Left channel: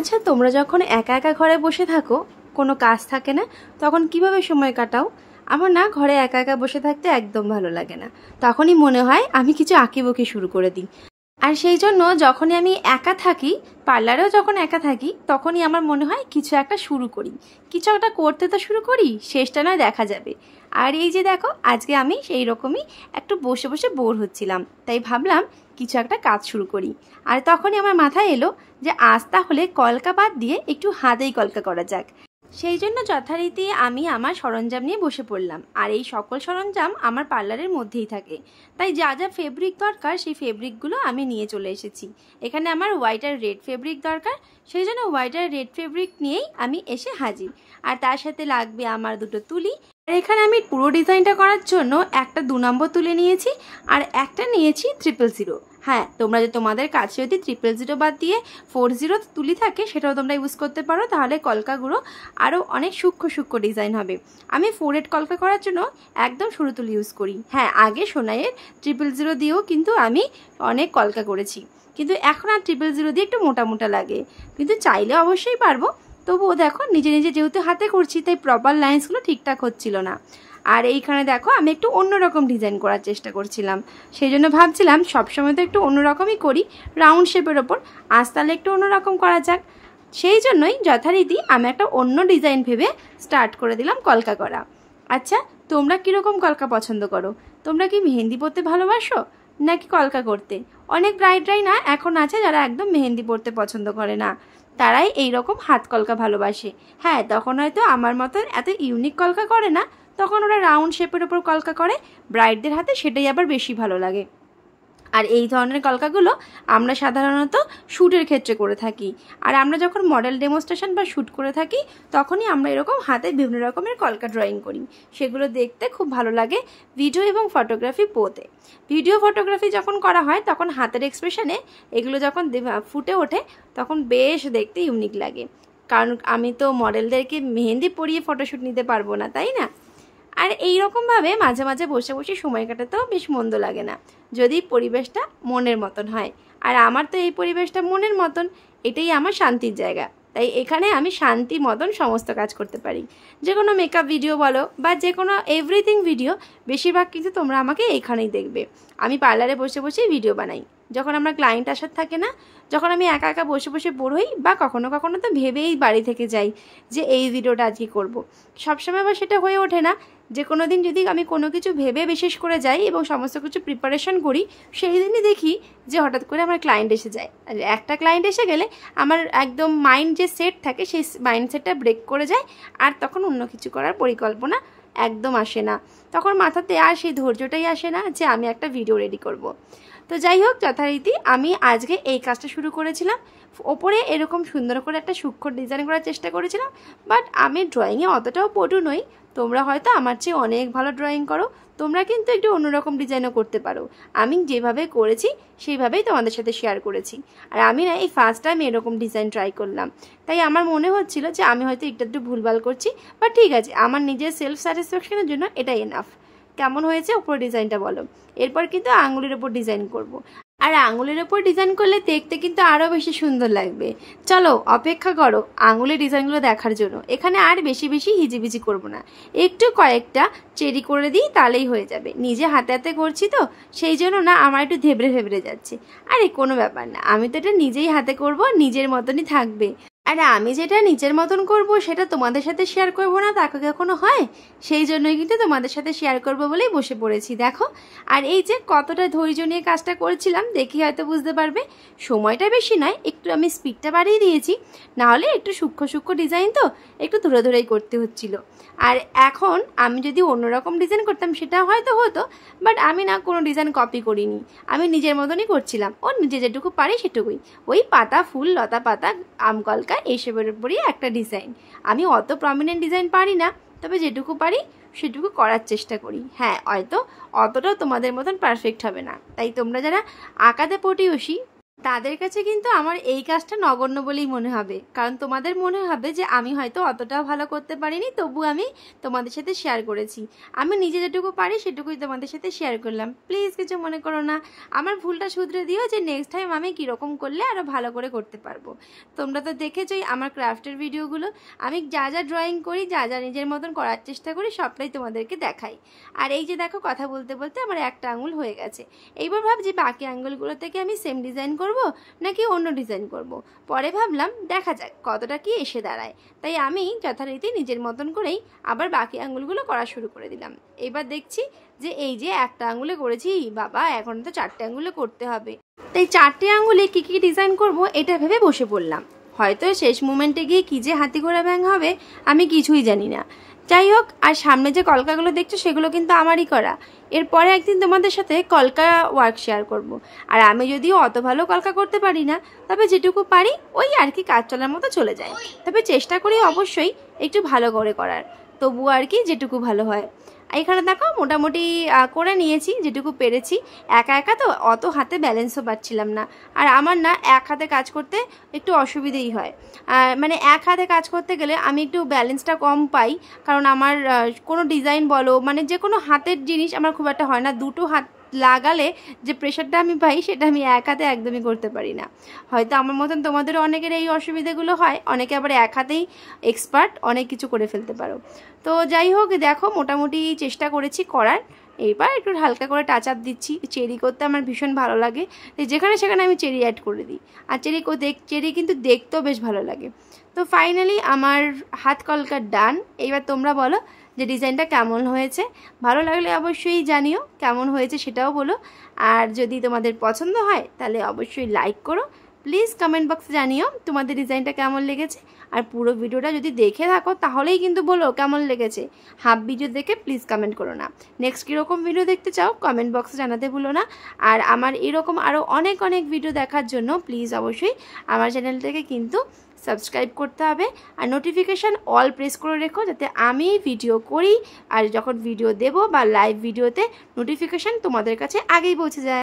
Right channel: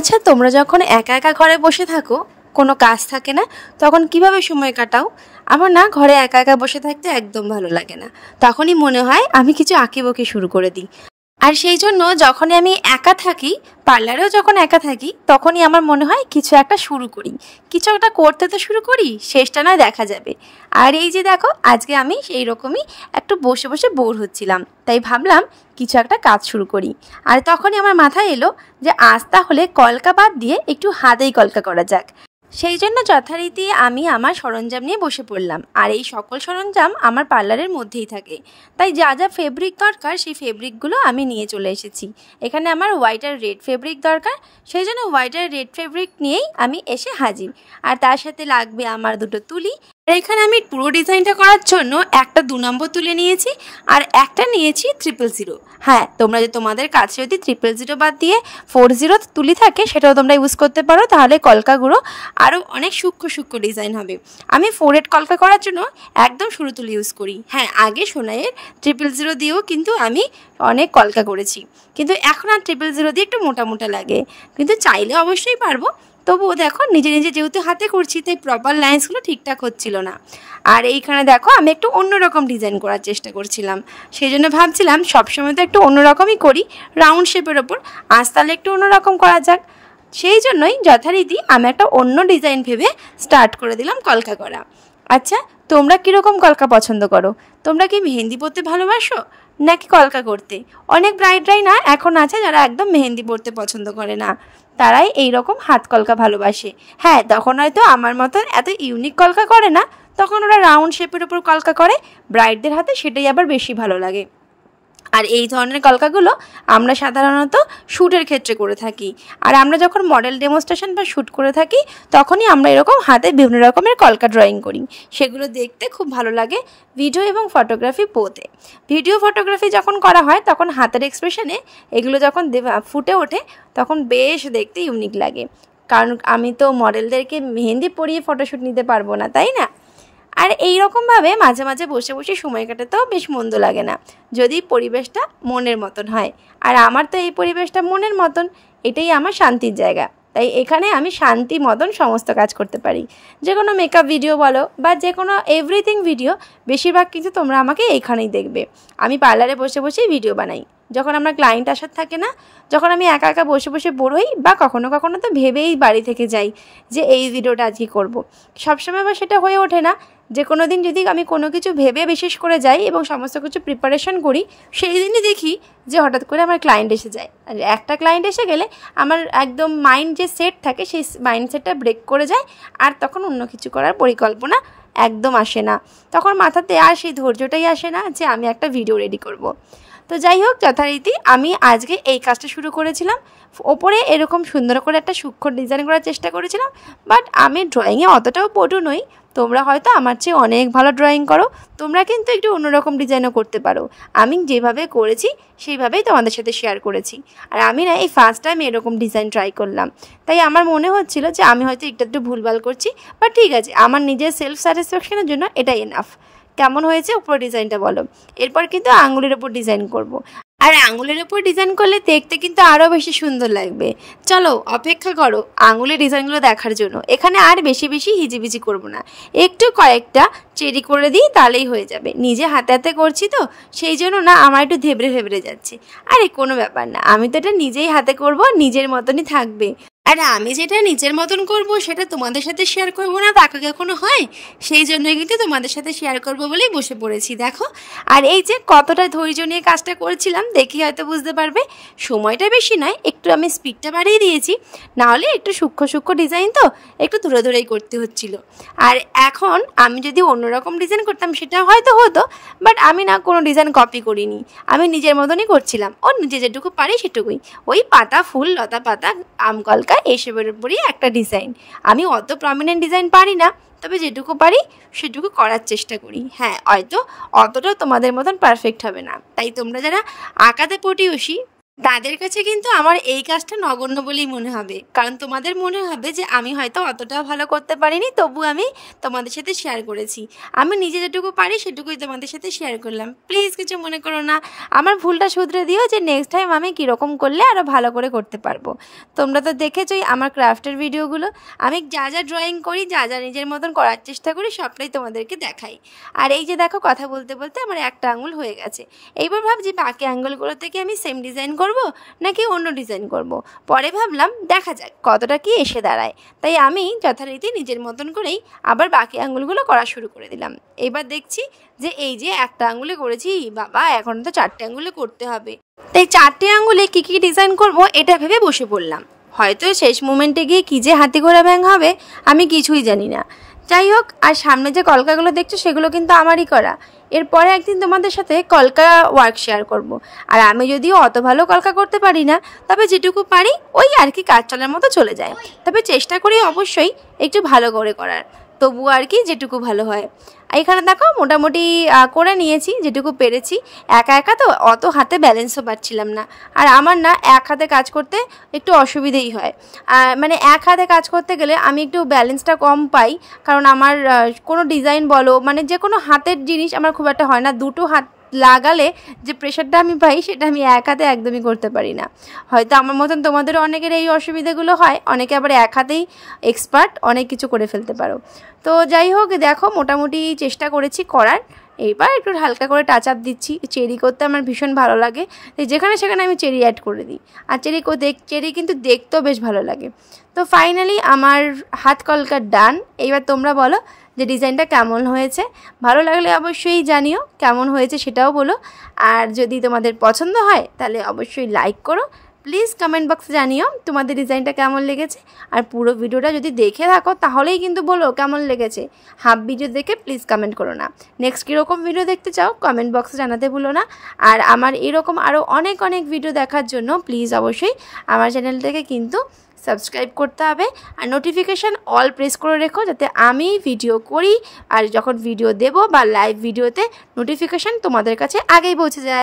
আচ্ছা, তোমরা যখন একা একা ঘরে বসে থাকো, কোনো কাজ থাকে না, তখন কিভাবে সময় কাটাও? আমার না ঘরে একা একা বসে থাকতে একদম ভালো লাগে না। তখনই মনে হয় আমি কিছু আঁকিবুকি শুরু করে দিই। আর সেই জন্য যখনই আমি একা থাকি, পার্লারেও যখন একা থাকি, তখনই আমার মনে হয় কিছু একটা শুরু করি, কিছু একটা করতে তো শুরু করি, শেষটা নয় দেখা যাবে। আর এই যে দেখো, আজকে আমি সেই রকমই একটু বসে বসে বোর হচ্ছিলাম, তাই ভাবলাম কিছু একটা কাজ শুরু করি। আর তখনই আমার মাথায় এলো যে আজ তাহলে কলকা বাদ দিয়ে একটু হাতেই কলকা করা যাক। সেই জন্য যথারীতি আমি আমার সরঞ্জাম নিয়ে বসে পড়লাম। আর এই সকল সরঞ্জাম আমার পার্লারের মধ্যেই থাকে, তাই যা যা ফেব্রিক দরকার সেই ফেব্রিকগুলো আমি নিয়ে চলে এসেছি। এখানে আমার হোয়াইট আর রেড ফেব্রিক দরকার, সেই জন্য হোয়াইট আর রেড ফেব্রিক নিয়েই আমি এসে হাজির। আর তার সাথে লাগবে আমার দুটো তুলি। আর এখানে আমি পুরো ডিজাইনটা করার জন্য একটা 2 নম্বর তুলে নিয়েছি আর একটা নিয়েছি 000। হ্যাঁ, তোমরা তোমাদের কাছে যদি 000 বাদ দিয়ে 40 তুলি থাকে সেটাও তোমরা ইউজ করতে পারো, তাহলে কলকাগুলো আরও অনেক সূক্ষ্ম সূক্ষ্ম ডিজাইন হবে। আমি 4 কলকা করার জন্য একদম সরু তুলি ইউজ করি। হ্যাঁ, আগে সোনাইয়ের 000 দিয়েও কিন্তু আমি অনেক কলকা করেছি, কিন্তু এখন আর 000 দিয়ে একটু মোটা মোটা লাগে, কিন্তু চাইলে অবশ্যই পারবো। তবুও দেখো, নিজে নিজে যেহেতু হাতে করছি তাই প্রপার লাইন্সগুলো ঠিকঠাক হচ্ছিল না। আর এইখানে দেখো, আমি একটু অন্যরকম ডিজাইন করার চেষ্টা করছিলাম, সেই জন্য ভাবছিলাম সবসময় তো একটু অন্যরকমই করি রাউন্ড শেপের ওপর, আজ তাহলে একটু অন্যরকম করা যাক। সেই জন্যই যথারীতি আমি একটা অন্য ডিজাইন ভেবে স্টার্ট করে দিলাম কলকা করা। আচ্ছা, তোমরা কীরকম কলকা পছন্দ করো? তোমরা কি মেহেন্দি পরতে ভালোবাসো নাকি কলকা করতে? অনেক ব্রাইডরাই না এখন আছে যারা একদম মেহেন্দি পরতে পছন্দ করে না, তারাই এই রকম হাত কলকা ভালোবাসে। হ্যাঁ, তখন হয়তো আমার মতন এত ইউনিক কলকা করে না, তখন ওরা রাউন্ড শেপের উপর কলকা করে, ব্রাইডদের হাতে সেটাই আবার বেশি ভালো লাগে। আর এই ধরনের কলকাগুলো আমরা সাধারণত শ্যুটের ক্ষেত্রে করে থাকি। আর আমরা যখন মডেল ডেমনস্ট্রেশন বা শ্যুট করে থাকি, তখনই আমরা এরকম হাতে বিভিন্ন রকমের কলকা ড্রয়িং করি, সেগুলো দেখতে খুব ভালো লাগে ভিডিও এবং ফটোগ্রাফি বোথে। ভিডিও ফটোগ্রাফি যখন করা হয় তখন হাতের এক্সপ্রেশনে এগুলো যখন ফুটে ওঠে তখন বেশ দেখতে ইউনিক লাগে, কারণ আমি তো মডেলদেরকে মেহেন্দি পরিয়ে ফটোশ্যুট নিতে পারবো না, তাই না? আর এই রকমভাবে মাঝে মাঝে বসে বসে সময় কাটাতেও বেশ মন্দ লাগে না, যদি পরিবেশটা মনের মতন হয়। আর আমার তো এই পরিবেশটা মনের মতন, এটাই আমার শান্তির জায়গা, তাই এখানে আমি শান্তি মতন সমস্ত কাজ করতে পারি। যে কোনো মেকআপ ভিডিও বলো বা যে কোনো এভরিথিং ভিডিও, বেশিরভাগ কিন্তু তোমরা আমাকে এইখানেই দেখবে। আমি পার্লারে বসে বসেই ভিডিও বানাই, যখন আমার ক্লায়েন্ট আসার থাকে না, যখন আমি একা একা বসে বসে বোর হই, বা কখনো কখনো তো ভেবেই বাড়ি থেকে যাই যে এই ভিডিওটা আজকে করব। সবসময় আবার সেটা হয়ে ওঠে না। যে কোনো দিন যদি আমি কোনো কিছু ভেবে বিশেষ করে যাই এবং সমস্ত কিছু প্রিপারেশন করি, সেই দিনই দেখি যে হঠাৎ করে আমার ক্লায়েন্ট এসে যায়। আর একটা ক্লায়েন্ট এসে গেলে আমার একদম মাইন্ড যে সেট থাকে সেই মাইন্ডসেটটা ব্রেক করে যায়, আর তখন অন্য কিছু করার পরিকল্পনা একদম আসে না, তখন মাথাতে আর সেই ধৈর্যটাই আসে না যে আমি একটা ভিডিও রেডি করব। তো যাই হোক, যথারীতি আমি আজকে এই কাজটা শুরু করেছিলাম। ওপরে এরকম সুন্দর করে একটা সূক্ষ্ম ডিজাইন করার চেষ্টা করেছিলাম, বাট আমি ড্রয়িংয়ে অতটাও পটু নই। তোমরা হয়তো আমার চেয়ে অনেক ভালো ড্রয়িং করো, তোমরা কিন্তু একটু অন্যরকম ডিজাইনও করতে পারো। আমি যেভাবে করেছি সেইভাবেই তোমাদের সাথে শেয়ার করেছি। আর আমি না এই ফার্স্ট টাইম এরকম ডিজাইন ট্রাই করলাম, তাই আমার মনে হচ্ছিল যে আমি হয়তো একটু ভুলভাল করছি, বাট ঠিক আছে, আমার নিজের সেলফ স্যাটিসফ্যাকশনের জন্য এটাই এনাফ। কেমন হয়েছে উপর ডিজাইনটা বলো? এরপর কিন্তু আঙুলের ওপর ডিজাইন করব। আর আঙুলের ওপর ডিজাইন করলে দেখতে কিন্তু আরও বেশি সুন্দর লাগবে। চলো অপেক্ষা করো আঙুলের ডিজাইনগুলো দেখার জন্য। এখানে আর বেশি বেশি হিজিবিজি করব না, একটু কয়েকটা চেরি করে দিই তাহলেই হয়ে যাবে। নিজে হাতে হাতে করছি তো, সেই জন্য না আমার একটু ধেবড়ে ধেবড়ে যাচ্ছে। আরে কোনো ব্যাপার না, আমি তো এটা নিজেই হাতে করব, নিজের মতনই থাকবে। আর আমি যেটা নিজের মতন করব সেটা তোমাদের সাথে শেয়ার করব না তা কখনো হয়? সেই জন্যই কিন্তু তোমাদের সাথে শেয়ার করব বলেই বসে পড়েছি, দেখো। আর এই যে কতটা ধৈর্য নিয়ে কাজটা করছিলাম দেখি হয়তো বুঝতে পারবে। সময়টা বেশি নয়, একটু আমি স্পিডটা বাড়িয়ে দিয়েছি, নাহলে একটু সূক্ষ্ম সূক্ষ্ম ডিজাইন তো একটু ধরে ধরেই করতে হচ্ছিল। আর এখন আমি যদি অন্যরকম ডিজাইন করতাম সেটা হয়তো হতো, বাট আমি না কোনো ডিজাইন কপি করিনি, আমি নিজের মতনই করছিলাম। ও নিজে যেটুকু পারি সেটুকুই, ওই পাতা ফুল লতা পাতা আম কলকা এইসবের উপরই একটা ডিজাইন। আমি অত প্রমিনেন্ট ডিজাইন পারি না, তবে যেটুকু পারি সেটুকু করার চেষ্টা করি। হ্যাঁ, হয়তো অতটাও তোমাদের মতন পারফেক্ট হবে না, তাই তোমরা যারা আঁকাতে পটিউসি তাদের কাছে কিন্তু আমার এই কাজটা নগণ্য বলেই মনে হবে, কারণ তোমাদের মনে হবে যে আমি হয়তো অতটাও ভালো করতে পারিনি, তবু আমি তোমাদের সাথে শেয়ার করেছি। আমি নিজে যেটুকু পারি সেটুকুই তোমাদের সাথে শেয়ার করলাম। প্লিজ কিছু মনে করো না, আমার ভুলটা শুধরে দিও যে নেক্সট টাইম আমি কীরকম করলে আরও ভালো করে করতে পারবো। তোমরা তো দেখেছোই আমার ক্রাফটের ভিডিওগুলো, আমি যা যা ড্রয়িং করি, যা যা নিজের মতন করার চেষ্টা করি, সবটাই তোমাদেরকে দেখাই। আর এই যে দেখো, কথা বলতে বলতে আমার একটা আঙুল হয়ে গেছে। এইবার ভাবছি বাকি আঙুলগুলো থেকে আমি সেম ডিজাইন করব নাকি অন্য ডিজাইন করব। পরে ভাবলাম দেখা যাক কতটা কি এসে দাঁড়ায়, তাই আমি যথারীতি নিজের মতন করেই আবার বাকি আঙুলগুলো করা শুরু করে দিলাম। এবার দেখছি যে এই যে একটা আঙুলে করেছি, বাবা এখন তো 4টে আঙুলে করতে হবে। তাই 4টে আঙুলে কী কী ডিজাইন করব এটা ভেবে বসে পড়লাম। হয়তো শেষ মোমেন্টে গিয়ে কী যে হাতি ঘোড়া ব্যাঙ হবে আমি কিছুই জানি না। যাই হোক, আর সামনে যে কলকাগুলো দেখছো সেগুলো কিন্তু আমারই করা। এরপরে একদিন তোমাদের সাথে কলকা ওয়ার্ক শেয়ার করব। আর আমি যদিও অত ভালো কলকা করতে পারি না, তবে যেটুকু পারি ওই আর কি কাজ চলার মতো চলে যায়। তবে চেষ্টা করি অবশ্যই একটু ভালো করে করার, তবু আর কি যেটুকু ভালো হয়। এখানে দেখো মোটামুটি করে নিয়েছি যেটুকু পেরেছি। একা একা তো অত হাতে ব্যালেন্সও পাচ্ছিলাম না, আর আমার না এক হাতে কাজ করতে একটু অসুবিধেই হয়। মানে এক হাতে কাজ করতে গেলে আমি একটু ব্যালেন্সটা কম পাই, কারণ আমার কোনো ডিজাইন বলো, মানে যে কোনো হাতের জিনিস আমার খুব একটা হয় না। দুটো হাত লাগালে যে প্রেশারটা আমি পাই সেটা আমি এক হাতে একদমই করতে পারি না। হয়তো আমার মতন তোমাদেরও অনেকের এই অসুবিধাগুলো হয়, অনেকে আবার এক হাতেই এক্সপার্ট, অনেক কিছু করে ফেলতে পারো। তো যাই হোক, দেখো মোটামুটি চেষ্টা করেছি করার। এইবার একটু হালকা করে টাচ আপ দিচ্ছি। চেরি করতে আমার ভীষণ ভালো লাগে, যেখানে সেখানে আমি চেরি অ্যাড করে দিই। আর চেরি কিন্তু দেখতেও বেশ ভালো লাগে। তো ফাইনালি আমার হাত কলকা ডান। এইবার তোমরা বলো যে ডিজাইনটা কেমন হয়েছে। ভালো লাগলে অবশ্যই জানিও, কেমন হয়েছে সেটাও বলো। আর যদি তোমাদের পছন্দ হয় তাহলে অবশ্যই লাইক করো। প্লিজ কমেন্ট বক্সে জানিও তোমাদের ডিজাইনটা কেমন লেগেছে। আর পুরো ভিডিওটা যদি দেখে থাকো তাহলেই কিন্তু বলো কেমন লেগেছে। হাফ ভিডিও দেখে প্লিজ কমেন্ট করো না। নেক্সট কীরকম ভিডিও দেখতে চাও কমেন্ট বক্সে জানাতে ভুলো না। আর আমার এরকম আরও অনেক অনেক ভিডিও দেখার জন্য প্লিজ অবশ্যই আমার চ্যানেলটাকে কিন্তু সাবস্ক্রাইব করতে হবে। আর নোটিফিকেশান অল প্রেস করে রেখো, যাতে আমি ভিডিও করি আর যখন ভিডিও দেব বা লাইভ ভিডিওতে নোটিফিকেশান তোমাদের কাছে আগেই পৌঁছে যায়।